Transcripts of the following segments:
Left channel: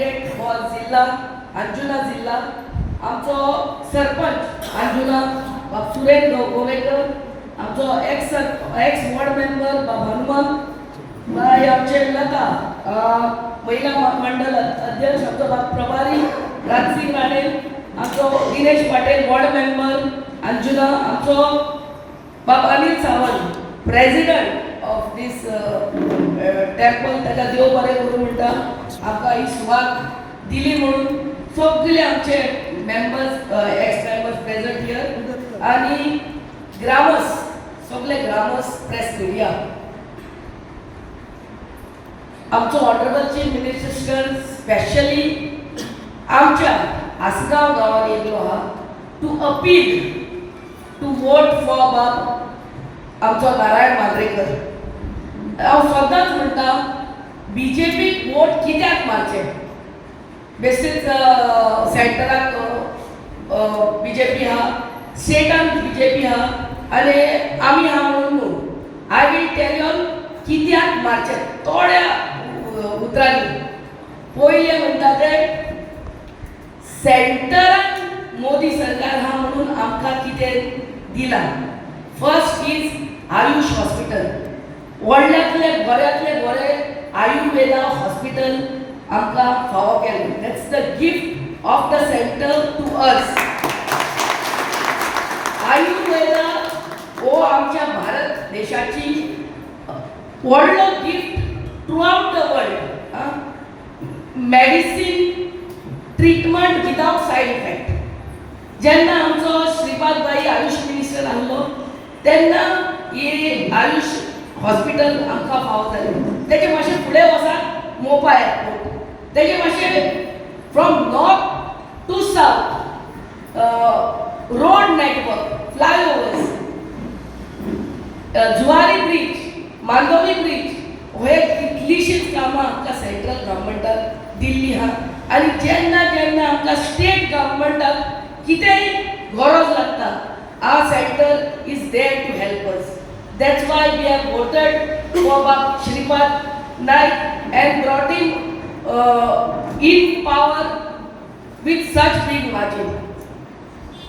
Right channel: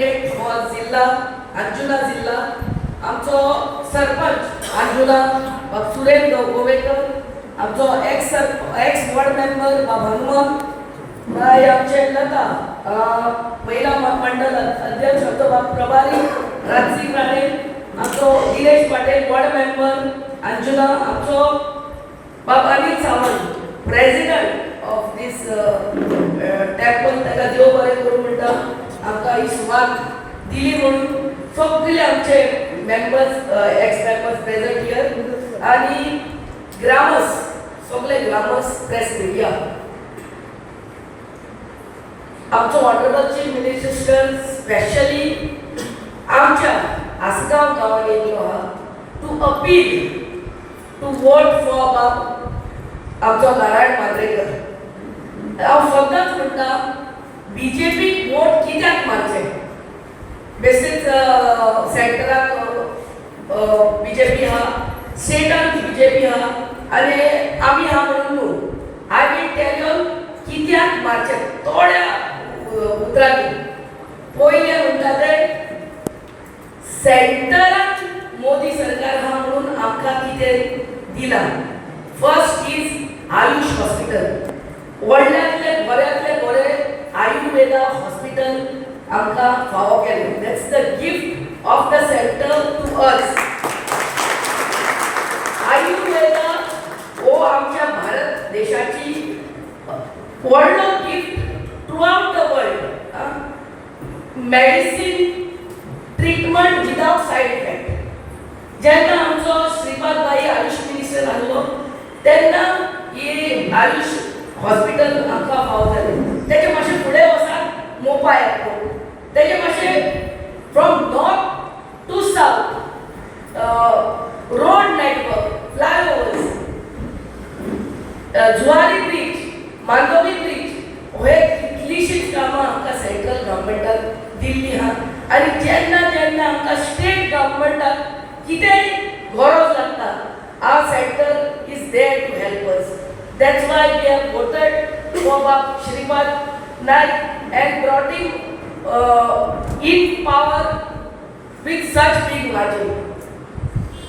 Candidate for जिल्हा अंजुना जिल्हा आमचो सरपंच अंजुना सुरेंद्र गोवेकर, आमचो एक्स वॉर्ड मेंबर बाब हनुमंत बाय, आमचे लता महिला मंडल अध्यक्ष आमचो बाब प्रभारी राजसिंग राणे, आमचो दिनेश पाटील वॉर्ड मेंबर अंजुना, आमचो बाब Anil Sawant president of this temple, ताका देव बरें करूं म्हणटा, आमकां ही सुवात दिली म्हणून सगळे आमचे members ex members present here आणि ग्रामस सगळे ग्रामस प्रेस मिडिया. आमचो ऑनरेबल चीफ मिनिस्टर स्पेशली आमच्या आसगांव गांवांत येयलो आहा to appeal to vote for बाब आमचो नारायण मांद्रेकर. हांव सदांच म्हणटा बीजेपीक वोट कित्याक मारचें. बेसीस सेंटराक बीजेपी आहा, स्टेटान बीजेपी आहा आनी आमी आहा म्हणून न्हू. आय वील टेल यू कित्याक मारचें थोड्या उतरांनी. पयलें म्हणटा ते सेंटरान मोदी सरकार आहा म्हणून आमकां कितें दिलां. फर्स्ट इज आयुष हॉस्पिटल, व्हडल्यांतले बऱ्यांतले बरें आयुर्वेदा हॉस्पिटल आमकां फावो केलें. That's the gift of the centre to us. Ayurveda हो आमच्या भारत देशाची व्हडलो gift throughout the world. Medicine treatment without side effect. जेन्ना आमचो श्रीपाद भाई आयुष मिनिस्टर आसलो तेन्ना ही आयुष हॉस्पिटल आमकां फावो जालें. तेजे मातशें फुडें वचात मोबायल एअरपोर्ट, तेजे मातशें from north to south road network, flyovers, Zuari bridge, Mandovi bridge, हे कितलीशींच कामां आमकां सेंट्रल गव्हर्मेंटान दिल्ली आहा. आनी जेन्ना जेन्ना आमकां स्टेट गव्हर्मेंटाक कितेंय गरज लागता, our center is there to help us. That's why we have voted for Shripad Naik and brought him in power with such big margin.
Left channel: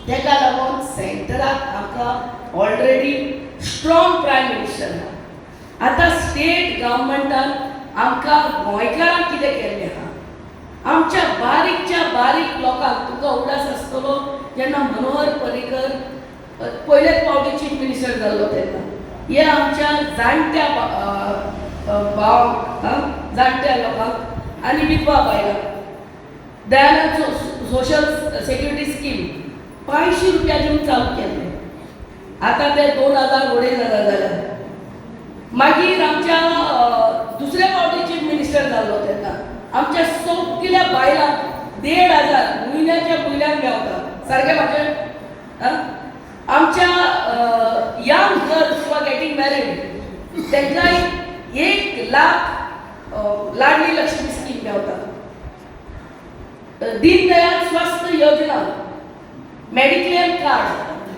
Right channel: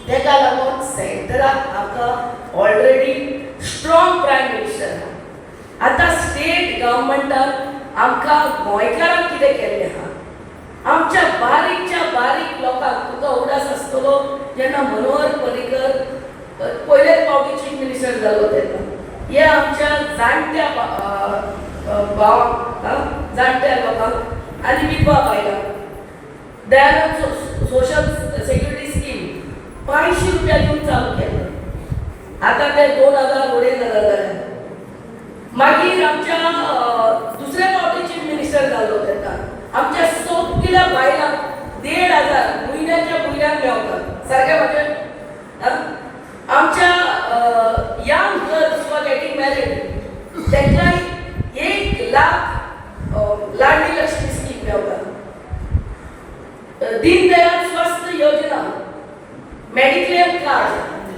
तेका लागून सेंटराक आमकां ऑलरेडी स्ट्रॉंग प्रायम मिनिस्टर आहा. आतां स्टेट गव्हर्मेंटान आमकां गोंयकारांक कितें केल्लें आहा. आमच्या बारीकच्या बारीक लोकांक तुका उडास आसतलो जेन्ना मनोहर पर्रीकर पयलेच फावटी चीफ मिनिस्टर जाल्लो तेन्ना हे आमच्या जाणट्या भावांक, जाणट्या लोकांक आनी विधवा बायलांक दयानंद सोशल सेक्युरिटी स्कीम 500 रुपया दिवन चालू केलें. आतां ते 2000-2500 जाल्यात. मागीर आमच्या दुसऱ्या फावटी चीफ मिनिस्टर जाल्लो तेन्ना आमच्या सगळ्या बायलांक 1500 म्हयन्याच्या म्हयन्याक मेळटा. सारकें म्हाजें. आमच्या young girls who are getting married तांकां 1 लाख लाडली लक्ष्मी स्कीम मेळटा. दीनदयाल स्वस्थ योजना, मेडिक्लेम कार्ड,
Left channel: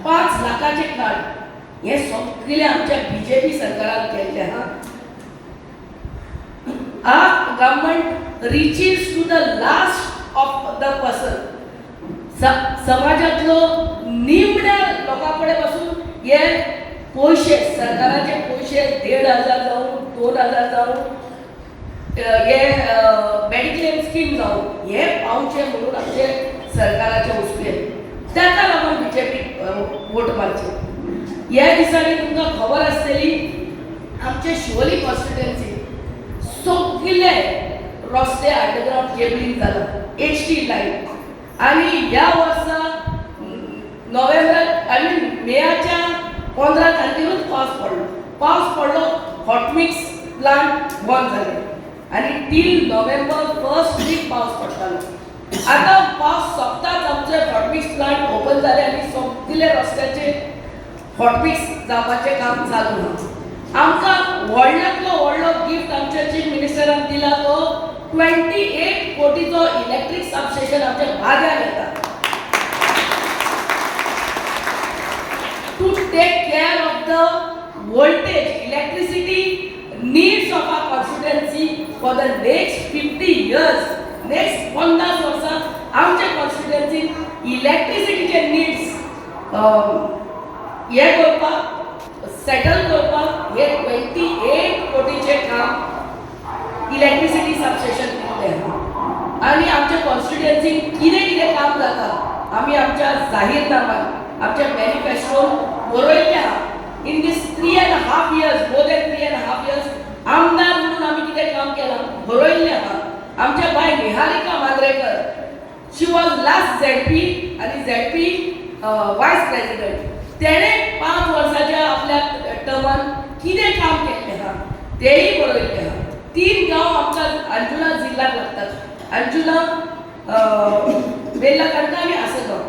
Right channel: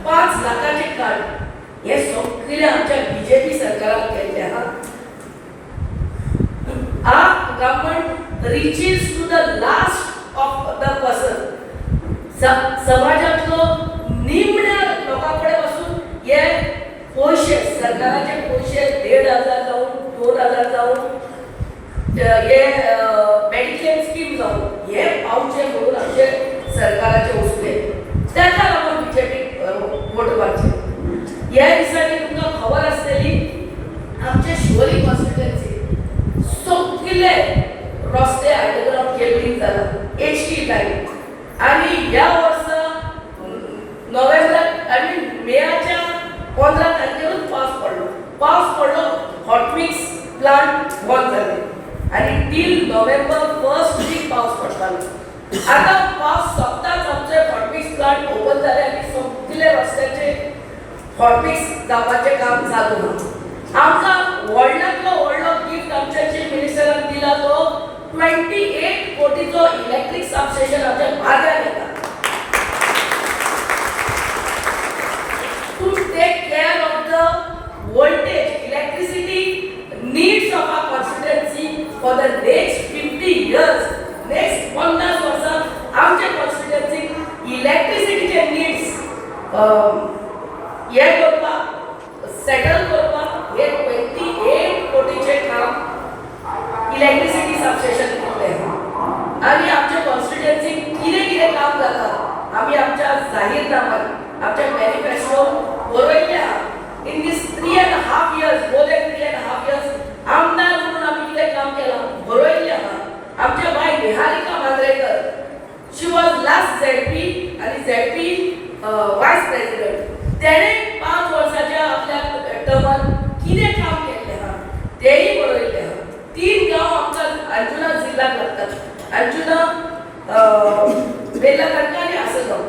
5 लाखाचे कार्ड, हे सगळे आमच्या बीजेपी सरकारान केल्ले आहा. Our government reaches to the last of the person. समाजातलो निमण्या लोकां कडेन वचून हे पयशे, सरकाराचे पयशे 1500 जावं 2000 जावं हे मेडिक्लेम स्कीम जावं हे पावचे म्हणून आमचे सरकाराचे वसुले. ताका लागून बीजेपीक वोट मारचे. ह्या दिसांनी तुमकां खबर आसतली आमचे शिवोली कॉन्स्टिट्युएन्सी सगळे रस्ते अंडरग्राउंड केबलिंग जाला, HD लायन. आनी ह्या वर्सा नोव्हेंबर आनी मेच्या 15 तारखेरूच पावस पडलो. हॉट मिक्स प्लांट बंद जाले आनी टील नोव्हेंबर 1st वीक पावस पडटालो. आतां पावस सोंपताच आमचे हॉट मिक्स प्लांट ओपन जाले आनी सगळे रस्त्याचे हॉट मिक्स जावपाचें काम चालू ना. आमकां व्हडल्यांतलो व्हडलो गिफ्ट आमच्या चीफ मिनिस्टरान दिला तो 28 कोटीचो इलेक्ट्रीक सबस्टेशन आमच्या बाद्यार येता. To take care of the voltage electricity needs of our constituency for the next 50 years. Next 50 वर्सां आमच्या कॉन्स्टिट्युएन्सीक इलेक्ट्रिसिटीचे नीड्स हे करपाक सेटल करपाक हे 28 कोटीचे काम इलेक्ट्रिसिटी सबस्टेशन केल्लें आनी आमच्या कॉन्स्टिट्युएन्सीक कितें कितें काम जाता आमी आमच्या जाहीरनाम्यात आमच्या मॅनिफेस्टोन बरयल्लें आहा. In this 3.5 years, more than 3.5 years, आमदार म्हणून आमी कितें काम केलां बरयल्लें आहा. आमच्या बाय Niharika Mandrekar, she was last ZP आनी ZP वायस प्रेसिडेंट. तेणें 5 वर्साच्या आपल्या टर्मान कितें काम केल्लें आहा तेंय बरयल्लें आहा. 3 गांव आमच्या अंजुना जिल्ल्याक लागतात. अंजुना, बेल्लाकांडा आनी आसगांव.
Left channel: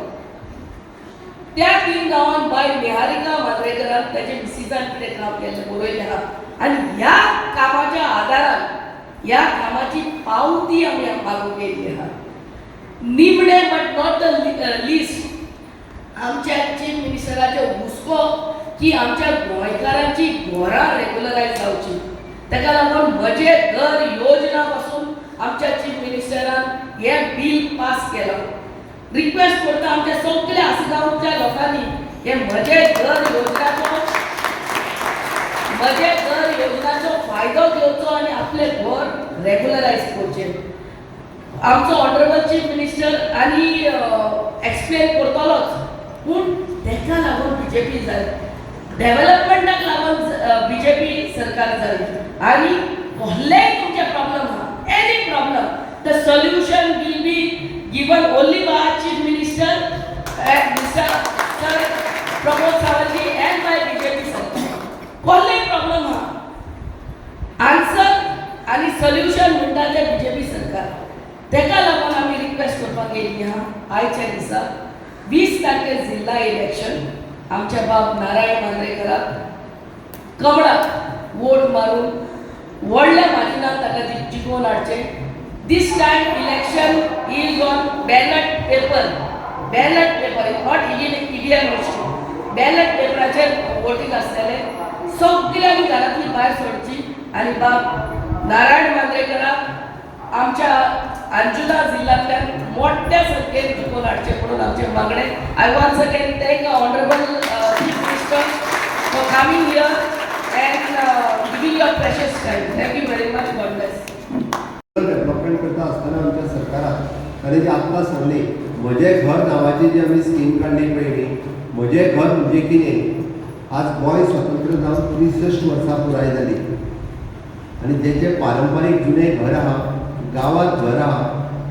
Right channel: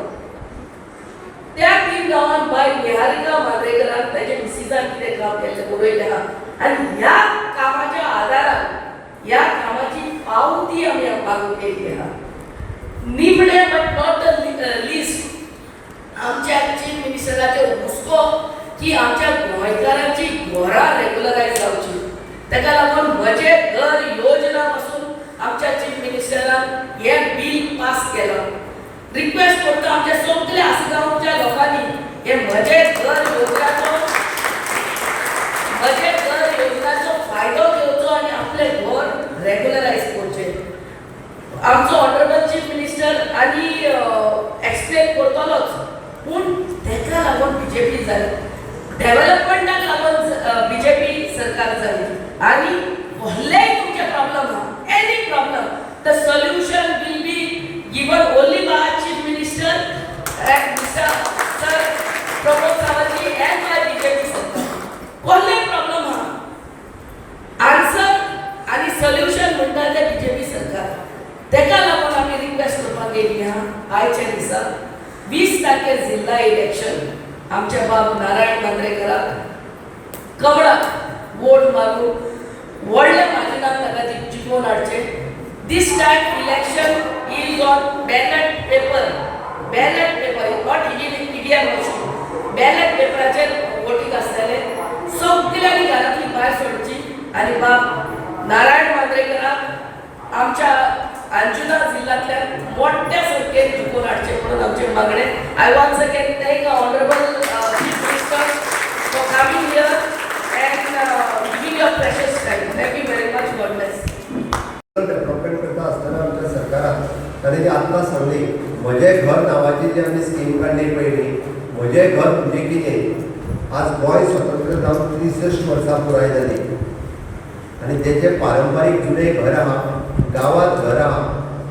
त्या 3 गांवांत बाय निहारिका मांद्रेकरान ताचे मिसिसान कितें काम केल्लें बरयल्लें आहा. आनी ह्या कामाच्या आदारान ह्या कामाची पावती आमी मागून केल्ली आहा. निमणे बट नॉट द लिस्ट आमच्या चीफ मिनिस्टराचे हुस्को की आमच्या गोंयकारांची घरां रेग्युलरायज जावची. ताका लागून म्हजे घर योजना पासून आमच्या चीफ मिनिस्टरान हे बिल पास केलो. रिक्वेस्ट करता आमच्या सगळ्या आसगांवच्या लोकांनी हे म्हजे घर योजनाचो फायदो घेवचो आनी आपले घर रेग्युलरायज करचे. आमचो ऑनरेबल चीफ मिनिस्टर आनी एक्सप्लेन करतलोच, पूण ताका लागून बीजेपी जाली, डेव्हलपमेंटाक लागून बीजेपी सरकार जाली. आनी कसलेय तुमचे प्रॉब्लम आहा, any problem, the solution will be given only by Chief Minister and Mr. Sir Pramod Sawant and by BJP सरकार. कसले प्रॉब्लम हा आन्सर आणि सोल्युशन म्हणटा ते बीजेपी सरकार. ताका लागून आमी रिक्वेस्ट करपाक गेल्ली आहा आयच्या दिसा 20 तारखेर जिल्हा इलेक्शन आमच्या बाब नारायण मांद्रेकराक कमळाक वोट मारून व्हडल्या मार्जिनान ताका जिखोवन हाडचे. This time election is on ballot paper, not EVM machine. Ballot paper voting असलेले सगळ्यांनी घरातली भायर सोडची आणि बाब नारायण मांद्रेकराक आमच्या अंजुना जिल्ह्यातल्या मोठ्या संख्येन जिखोवन हाडचे म्हणून आमचे मागणे. I once again thank honourable chief minister for coming here and giving your precious time. Thank you very much. God bless. Development करता असताना आमच्या सरकारान ताणें ती आत्तां सांगली म्हजें घर नांवाची जी आमी स्कीम काडली पयली, म्हजें घर म्हणजे कितें. आज गोंय स्वतंत्र जावन 63 वर्सां पुराय जाली आनी तेजें पारंपारीक जुनें घर आहा, गांवांत घर आहा,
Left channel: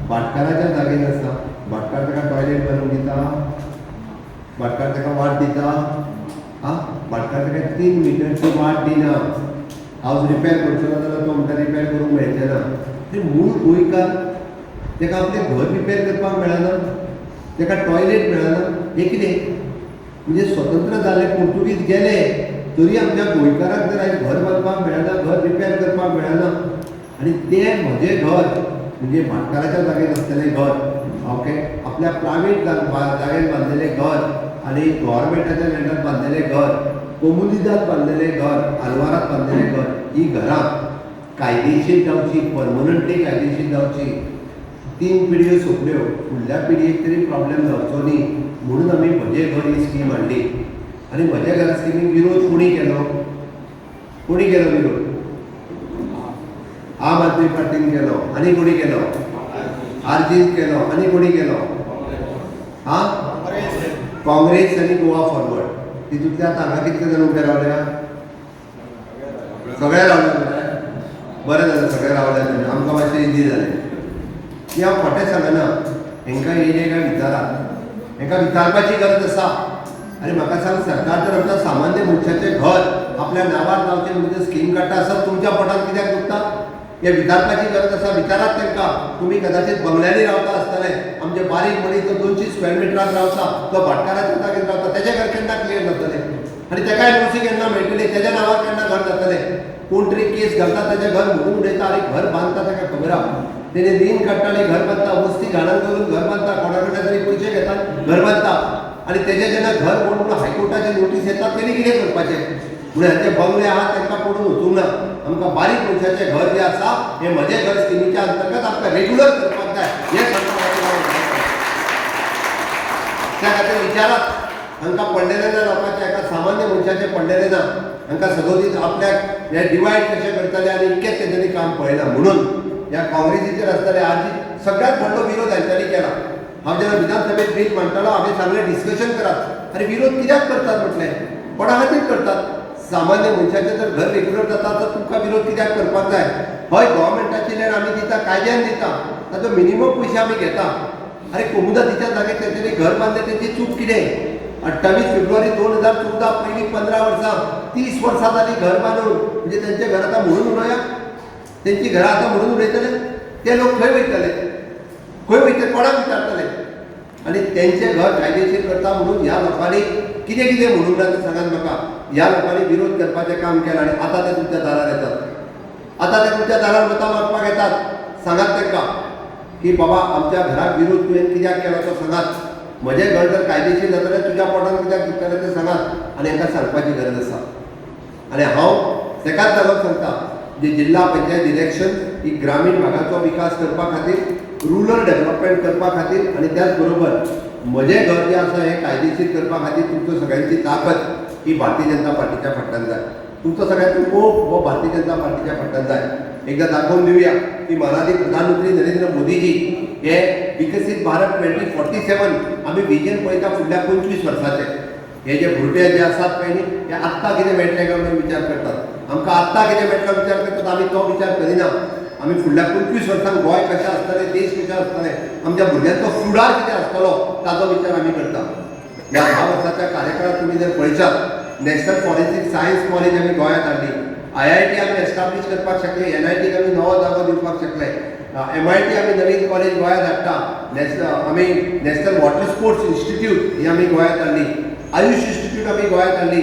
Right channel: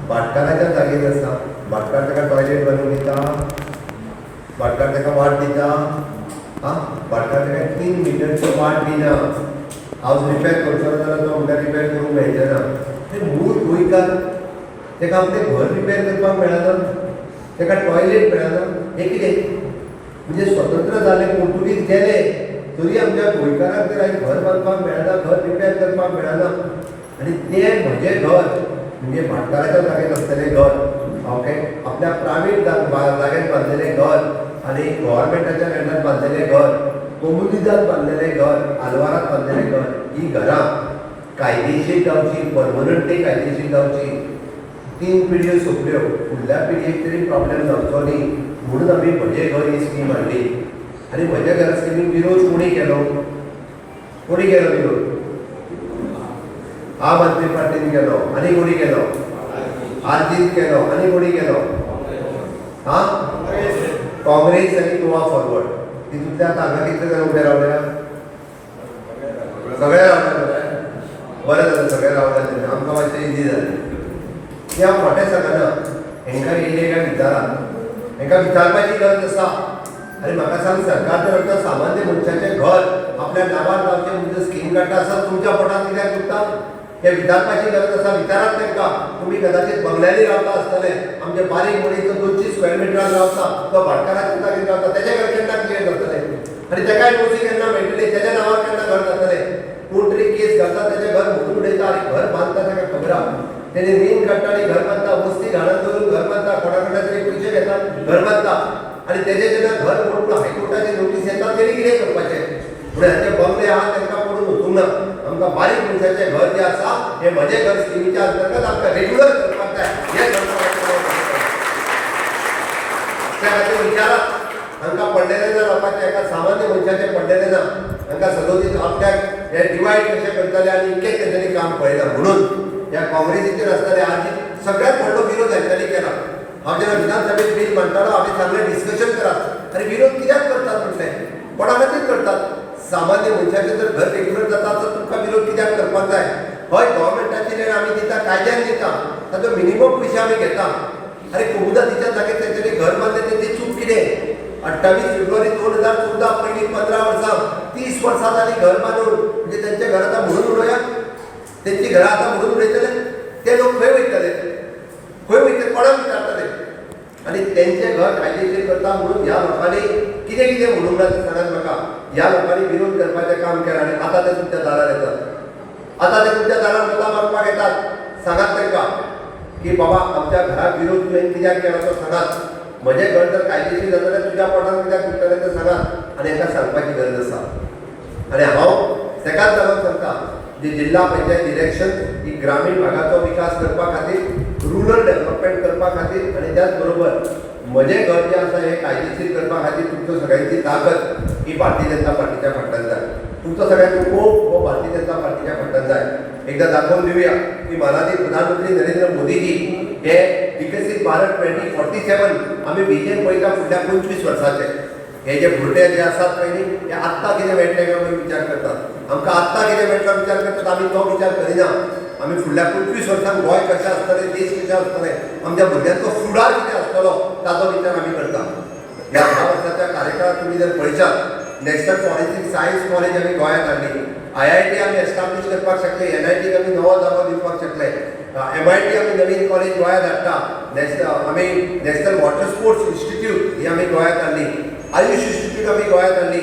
भाटकाराच्या जागेर आसा. भाटकार ताका टॉयलेट बांदून दिता, भाटकार ताका वाट दिता, भाटकार ताका 3 मिटरची वाट दिना. हावज रिपेर करचो जाल्यार तो आमकां रिपेर करूंक मेळचें ना. ते मूळ गोंयकार ताका आपलें घर रिपेर करपाक मेळना, ताका टॉयलेट मेळना. हें कितें म्हणजे स्वतंत्र जाले, पोर्तुगीज गेले तरी आमच्या गोंयकाराक जर आयज घर बांदपाक मेळना, घर रिपेर करपाक मेळना. आनी तें म्हजें घर म्हणजे भाटकाराच्या जागेर आसलेलें घर, ओके, आपल्या प्रायवेट जागेर बांदलेलें घर आनी गव्हर्मेंटाच्या लँडार बांदलेलें घर, कोमुनिदात बांदलेलें घर, आलवारात बांदलेलें घर. ही घरां कायदेशीर जावची, परमनंटली कायदेशीर जावची. 3 पिढयो सोंपल्यो, फुडल्या पिढयेक तरी प्रॉब्लेम जावचो न्ही म्हणून आमी म्हजें घर ही स्कीम हाडली. आनी म्हज्या घरा स्किमीक विरोध कोणी केलो विरोध? आम आदमी पार्टीन केलो. आनी कोणी केलो? आरजीन केलो. आनी कोणी केलो? काँग्रेस आनी गोवा फॉरवर्ड. तितूंतले आतां हांगा कितले जाण उबे रावल्या? सगळे रावले. बरें जालें सगळे रावले, आमकां मातशें इजी जालें. की हांव खोटें सांगना, हांकां येयले काय विचारात, हांकां विचारपाची गरज आसा. आनी म्हाका सांग, सरकार जर आमच्या सामान्य मनशाचें घर आपल्या नांवार जावचें म्हणजे स्कीम काडटा आसा, तुमच्या पोटार कित्याक दुखता? हे विचारपाची गरज आसा. विचारात तांकां. तुमी कदाचित बंगल्यांनी रावता आसतले, आमचे बारीक मनीस जो 200 स्क्वेअर मिटरान रावता, तो भाटकाराच्या जागेर रावता, तेजें घर केन्ना क्लियर जातलें? आनी तेका एनओसी केन्ना मेळटली? तेज्या नांवार केन्ना घर जातलें? कोण तरी केस घालता, तेजें घर मोडून उडयता आनी घर बांदता, ताका खबर आहा. तेणे रीण काडटा आनी घर बांदता, वस्ती घालून करून घर बांदता, कोणा कडल्यान तरी पयशे घेता, घर बांदता. आनी तेजें जेन्ना घर मोडून हायकोर्टाची नोटीस येता, तेणी कितें करपाचें? म्हणून हाचे बंगले आहा तांकां पडून वचूंक ना. आमकां बारीक मनशाचें घर जें आसा हें म्हजें घर स्किमीच्या अंतर्गत आमकां रेग्युलर करपाक जाय हें त्या खातीर विचारात हांकां पडलेलें ना लोकांचें एका सामान्य मनशाचें पडलेलें ना हांकां सदोदीत आपल्याक हे डिवायड कशें करतले आनी इतकेंच तेंच्यांनी काम पळयना म्हणून ह्या काँग्रेसीचेर आसतले आज सगळ्यात व्हडलो विरोध हांच्यांनी केला हांव जेन्ना विधानसभेत बील मांडटालो हांवें सगळें डिस्कशन करात आनी विरोध कित्याक करतात म्हटलें कोणा खातीर करतात सामान्य मनशाचें जर घर रेग्युलर जाता तर तुमकां विरोध कित्याक करपाक जाय हय गव्हर्मेंटाची लँड आमी दिता कायद्यान दिता ताजो मिनिमम पयशे आमी घेता अरे कोमुदातीच्या जागेर तेंच्यांनी घर बांदलें तेंची चूक कितें 28 फेब्रुवारी 2014 पयलीं 15 वर्सां 30 वर्सां जालीं घर बांदून म्हणजे तेंचे घर आतां म्हणून उडोवया तेंची घरां आतां म्हणून उडयतले ते लोक खंय वयतले कोणाक विचारतले आनी तेंचें घर कायदेशीर करता म्हणून ह्या लोकांनी कितें कितें म्हणूंक ना तें सांगात म्हाका ह्या लोकांनी विरोध करपाचें काम केलां आनी आतां ते तुमच्या दारार येतात आतां ते तुमच्या दारार मतां मागपाक येतात सांगात तांकां की बाबा आमच्या घराक विरोध तुवें कित्याक केला तो सांगात म्हजें घर जर कायदेशीर जातलें तुज्या पोटान कित्याक दुखतलें तें सांगात आनी हांकां सांगपाची गरज आसा आनी हांव तेकाच लागून सांगता जे जिल्हा पंचायत इलेक्शन ही ग्रामीण भागाचो विकास करपा खातीर रुरल डेव्हलपमेंट करपा खातीर आनी त्याच बरोबर म्हजें घर जें आसा हें कायदेशीर करपा खातीर तुमचो सगळ्यांची ताकद ही भारतीय जनता पार्टीच्या फाटल्यान जाय तुमचो सगळ्यांचो मोग हो भारतीय जनता पार्टीच्या फाटल्यान जाय एकदा दाखोवन दिवया की माननीय प्रधानमंत्री नरेंद्र मोदीजी हे विकसीत भारत 2047 आमी विजन पळयता फुडल्या 25 वर्साचे हे जे भुरटे जे आसात पळय न्ही हे आत्तां कितें मेळटलें काय म्हणून विचार करतात आमकां आत्तां कितें मेळटलो विचार करतात आमी तो विचार करिना आमी फुडल्या 25 वर्सांक गोंय कशें आसतलें देश कशें आसतलें आमच्या भुरग्यांचो फुडार कितें आसतलो ताचो विचार आमी करता ह्या 10 वर्साच्या कार्यकाळात तुमी जर पळयशात नॅशनल फॉरेन्सीक सायन्स कॉलेज आमी गोंयांत हाडली IIT आमी एस्टाब्लीश करपाक शकले NITक आमी नवो जागो दिवपाक शकले MIT आमी नवीन कॉलेज गोंयांत हाडटा आमी नॅशनल वॉटर स्पोर्ट्स इन्स्टिट्यूट ही आमी गोंयांत हाडली आयुष इन्स्टिट्यूट आमी गोंयांत हाडली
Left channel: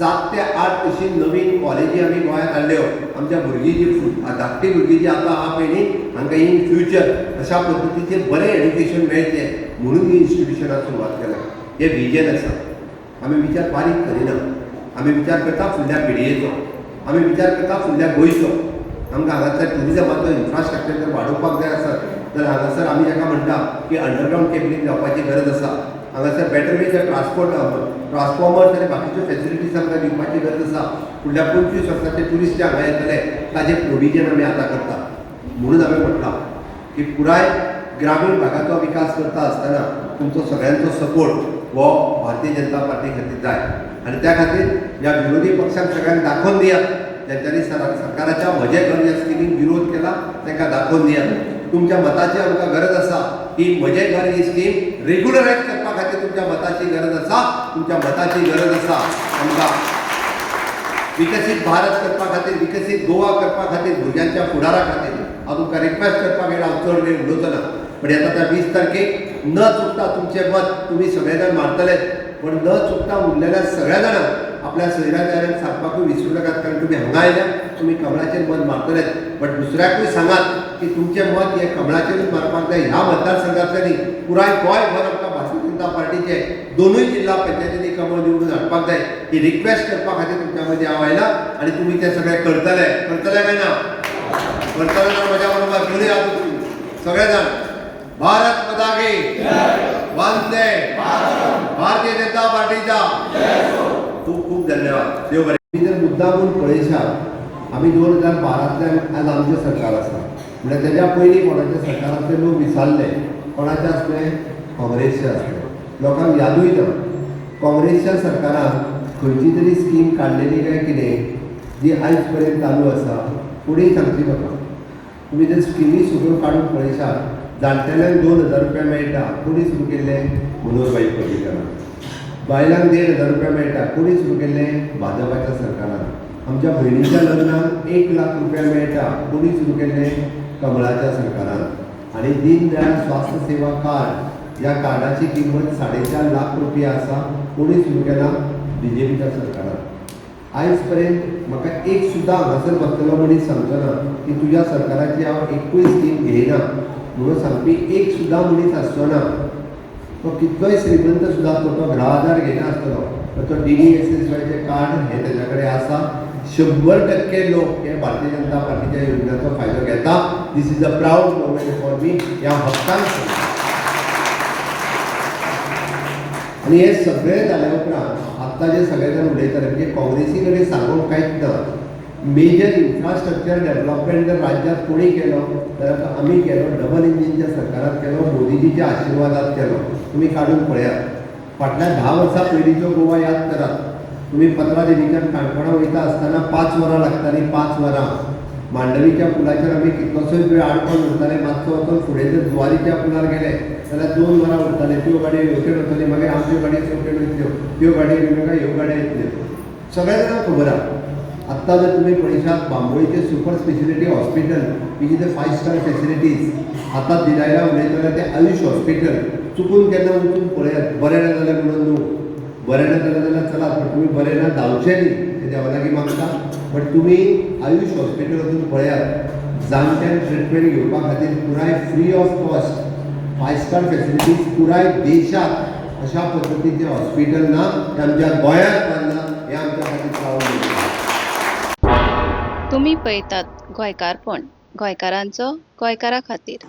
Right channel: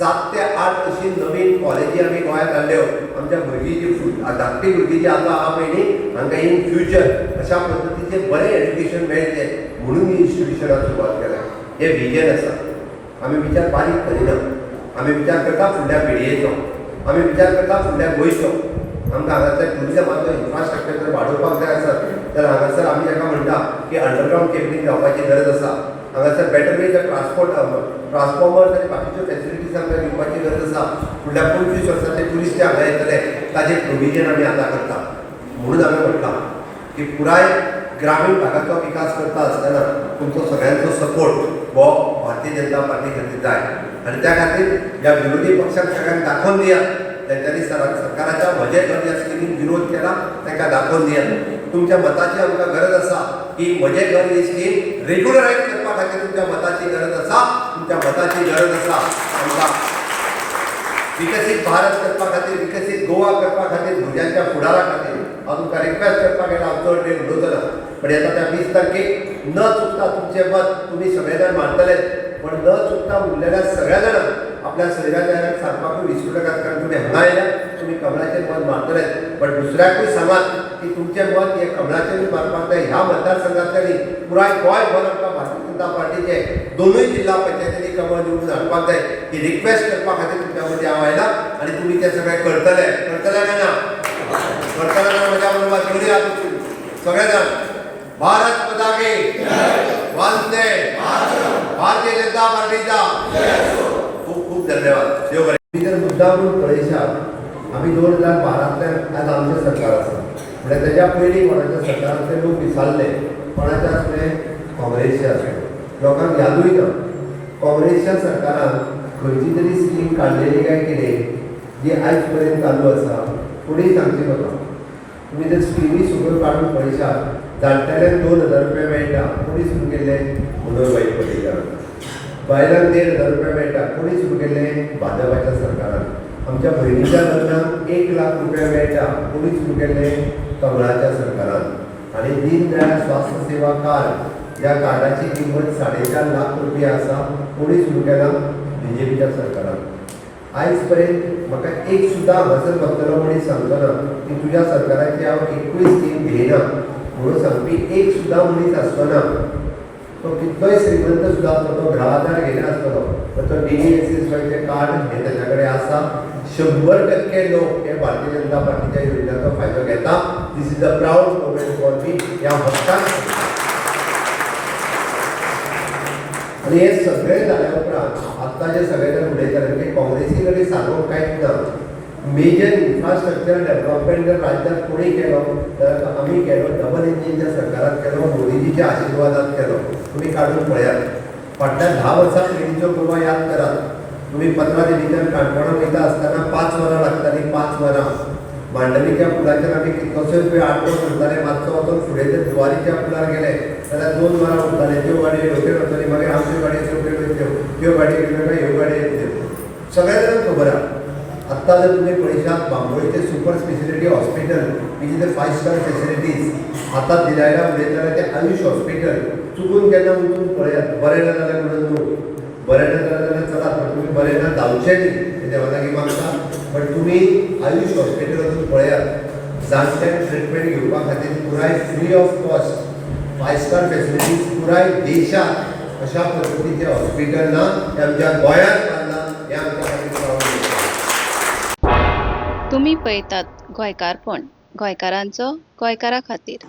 7 ते 8 अशी नवीन कॉलेजी आमी गोंयांत हाडल्यो आमच्या भुरगीं जी धाकटी भुरगीं जी आतां आहा पळय न्ही हांकां इन फ्युचर अशा पद्दतीचें बरें एड्युकेशन मेळचें म्हणून ही इन्स्टिट्युशनाक सुरवात केल्या हें विजन आसा आमी विचार बारीक करिना आमी विचार करता फुडल्या पिळयेचो आमी विचार करता फुडल्या गोंयचो आमकां हांगासर टुरिजमाचो इन्फ्रास्ट्रक्चर जर वाडोवपाक जाय आसत जाल्यार हांगासर आमी जाका म्हणटा की अंडरग्रावंड केबलिंग जावपाची गरज आसा हांगासर बेटर वेज ट्रान्सफॉर्मर्स आनी बाकीच्यो फॅसिलिटीज आमकां दिवपाची गरज आसा फुडल्या 25 वर्सांचे ट्युरिस्ट जे हांगा येतले ताजें प्रोविजन आमी आतां करता म्हणून हांवें म्हटलां की पुराय ग्रामीण भागाचो विकास करता आसतना तुमचो सगळ्यांचो सपोर्ट हो भारतीय जनता पार्टी खातीर जाय आनी त्या खातीर ह्या विरोधी पक्षाक सगळ्यांक दाखोवन दियात तांच्यांनी सरकाराच्या म्हजें घर ह्या स्किमीक विरोध केला तांकां दाखोवन दियात तुमच्या मताची आमकां गरज आसा की म्हजें घर ही स्कीम रेग्युलरायज करपा खातीर तुमच्या मताची गरज आसा तुमच्या मताची गरज आसा आमकां विकसीत भारत करपा खातीर विकसीत गोवा करपा खातीर भुरग्यांच्या फुडारा खातीर हांव तुमकां रिक्वेस्ट करपाक येयला हांव चड वेळ उलोवचो ना पण येता त्या 20 तारखेक न चुकता तुमचें मत तुमी सगळे जाण मारतले पण न चुकता उरलेल्या सगळ्या जाणांक आपल्या सोयऱ्या जायराक सांगपाकूय विसरूं नाकात कारण तुमी हांगा आयल्या तुमी कमळाचेर मत मारतले बट दुसऱ्याकूय सांगात की तुमचें मत हे कमळाचेरूच मारपाक जाय ह्या मतदारसंघांतल्यानी पुराय गोंयभर आमकां भारतीय जनता पार्टीचे दोनूय जिल्हा पंचायतींनी कमळ निवडून हाडपाक जाय ही रिक्वेस्ट करपा खातीर तुमच्या मदीं हांव आयला आनी तुमी तें सगळें करतले काय ना करतले जाल्यार म्हज्या बरोबर घेवन येयात तुमी सगळे जाण भारत माता की वंदे भारतीय जनता पार्टीचा खूप खूप धन्यवाद देव बरें तुम्ही जर मुद्दामून पळयशात आमी 2012तल्यान आज आमचें सरकार आसा म्हळ्यार तेज्या पयलीं कोणाच्या सरकारांतले लोक विसरले कोणाचे आसले काँग्रेसचे आसले लोकांक यादूय ना काँग्रेसच्या सरकारान खंयची तरी स्कीम काडलेली काय कितें जी आयज पर्यंत चालू आसा फुडें सांगची म्हाका तुमी जर स्किमी सगळ्यो काडून पळयशात जाणटेल्यांक 2000 रुपया मेळटा कोणी सुरू केल्लें मनोहरभाई पर्रीकरान बायलांक 1500 रुपया मेळटा कोणी सुरू केल्लें भाजपाच्या सरकारान आमच्या भयणीच्या लग्नाक 1 लाख रुपया मेळटा कोणी सुरू केल्लें कमळाच्या सरकारान आनी दीनदयाळ स्वास्थ्य सेवा कार्ड ह्या कार्डाची किंमत 4.5 लाख रुपया आसा कोणी सुरू केला BJPच्या सरकारान आयज पर्यंत म्हाका एक सुद्दां हांगासर बसतलो मनीस सांगचो ना की तुज्या सरकाराची हांव एकूय स्कीम घेयना म्हणून सांगपी एक सुद्दां मनीस आसचो ना तो कितलोय श्रीमंत सुद्दां आसलो तो 10,000 घेयना आसतलो तर तो DDSS कार्ड हे तेज्या कडेन आसा 100% लोक हे भारतीय जनता पार्टीच्या योजनेचा फायदा घेता. This is a proud moment for me. या हक्कान आणि हे सगळे जाल्या उपरांत आत्ता जे सगळे जण उलयतात की काँग्रेसी कडेन सांगूंक कांयच ना. मेजर इन्फ्रास्ट्रक्चर डेव्हलपमेंट जर राज्यात कोणी केलो जाल्यार आमी केलो. डबल इंजिनच्या सरकारात केलो, मोदीजीच्या आशिर्वादात केलो. तुम्ही काढून पळयात. फाटल्या 10 वर्सां पयलींचो गोवा याद करात. तुम्ही 15 देवीच्यान काणकोणा वयता आसतना 5 वरां लागतालीं. 5 वरां मांडवीच्या पुलाचेर आमी कितलोसोच वेळ आडकोन उरताले. मातसो वचून फुडें जर जुवारीच्या पुलार गेले जाल्यार 2 वरां उरताले. त्यो गाडयो ह्यो वताली, मागीर आमच्यो गाडयो त्यो वयतल्यो, त्यो गाडयो येवं नाका, ह्यो गाडयो येतल्यो. सगळ्या जाणांक खबर आहा. आत्ता जर तुम्ही पळयशात बांबोळीचे super speciality hospital which is the 5 star facilities आता दिलायला उलयतना ते आयुष हॉस्पिटल चुकून केन्ना वचून पळयात. बरें ना जालें म्हणून न्हू, बरें ना जालें जाल्यार चलात, पण तुम्ही बरें ना जावचें न्ही हे देवा लागीं मागता. बट तुम्ही आयुष हॉस्पिटल वचून पळयात. जाणट्यांक ट्रिटमेंट घेवपा खातीर पुराय free of cost 5 star facilities पुराय देशात अशा पद्दतीचे हॉस्पिटल ना. ते आमच्या गोंयांत बांदला. हे आमच्या खातीर प्राऊड. तुम्ही पळयतात गोंयकारपण, गोंयकारांचो गोंयकारा खातीर.